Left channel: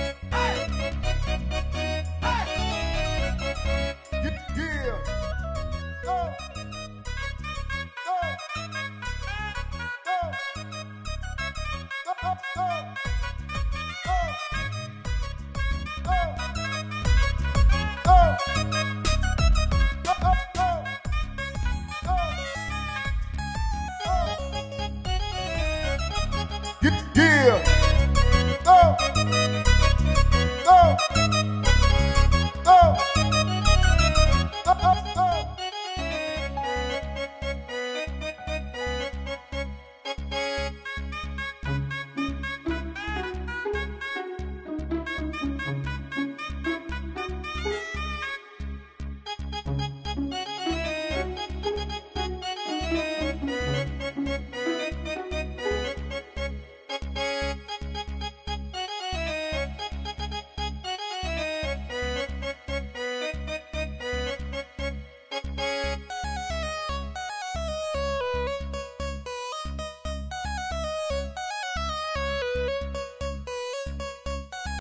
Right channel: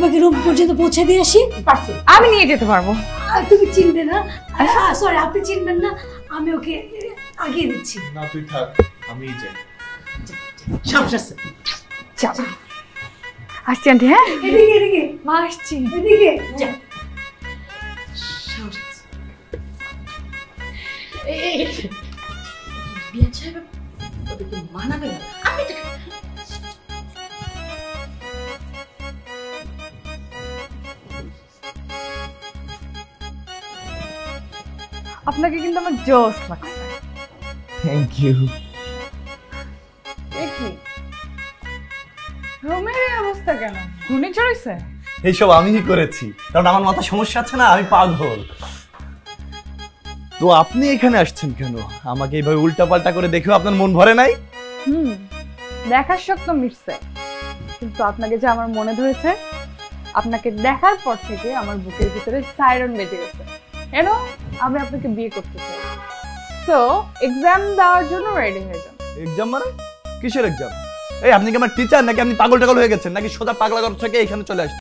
আমাকে রুম পর্যন্ত পৌঁছে দিয়ে আসি? আমি নিয়ে যেতে পারবো। তুমি চিনবে না? সরি, আপনি চিনবেন না, আমি ওকে আগে দিচ্ছি। না তুই থাক, আমিই যাই। সাহস আছে। যাও। আসছি আন্টি। হ্যাঁ এদিকে এদিকে। মা আসছি। এদিকে যা। মানাবে আপনাকে কিন্তু আমার জোস লাগছে। Thank you. রুমের এই অবস্থা কেন? ঘূর্ণিঝড় হইছে? এইসব আমিই করেছি, কারণ আমার মাথা সমস্যা আছে না, আমি পাগল। তো আপনি এখানে আসছেন কেন? আমাকে এইভাবে উল্টাপাল্টা করে দেখেও আপনার মন ভরে নাই? দেখার শখ তো মিটছে, কিন্তু আপনাকে যে আমার মনে ধরেছে, আপনাকে দেখার পর থেকে আমার বুকের ভিতরে সাইরন বেজে গেছে। কেন? আমি আপনাকে বিয়ে করতে চাই। সো এক্সাম দেওয়ার জন্য রেডি হয়ে যান। এক্সাম মানে? কিসের এক্সাম? এই আপনি কি আমার টিচার নাকি আপনি পাগল টাগল হয়ে গেছেন, নাকি সোজা পাগলা ঘর থেকে এখানে চলে আসছেন?